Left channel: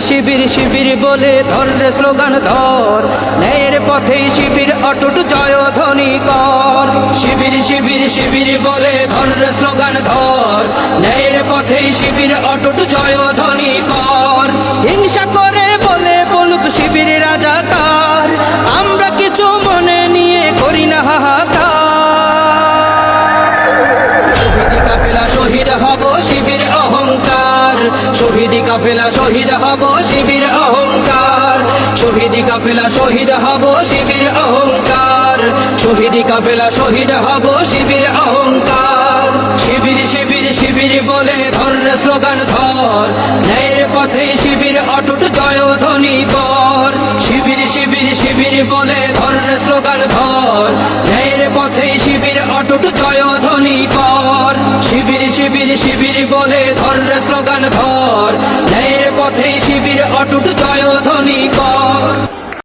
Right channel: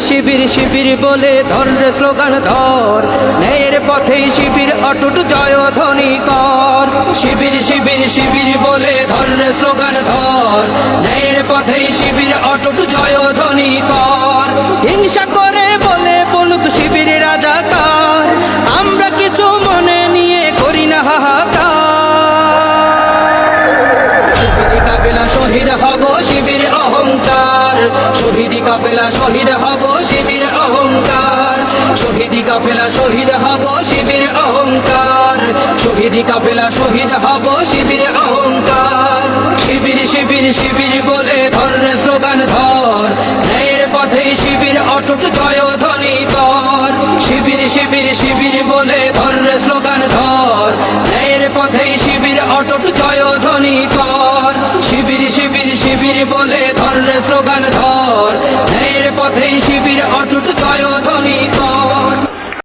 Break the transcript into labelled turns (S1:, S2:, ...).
S1: শিবির শিবির বলে ধর স্লোগান ধর। ন্যায়ের পথে শিবির অটুট জয় ধ্বনি কর। শিবির শিবির শিবির বলে ধর স্লোগান ধর। ন্যায়ের পথে শিবির অটুট জয় ধ্বনি কর। হিংসা করে বলে বলুক শিবির রাজাকার কাফেলা শহীদ হব শিবির অহংকার। শহীদি কাফেলা শহীদ হব শিবির অহংকার। শহীদি কাফেলা শহীদ হব শিবির অহংকার। শিবির শিবির শিবির বলে ধর স্লোগান ধর। ন্যায়ের পথে শিবির অটুট জয় ধ্বনি কর। শিবির শিবির শিবির বলে ধর স্লোগান ধর। ন্যায়ের পথে শিবির অটুট জয় ধ্বনি কর। শিবির শিবির শিবির বলে ধর রে স্লোগান ধর। ন্যায়ের পথে শিবির অটুট জয়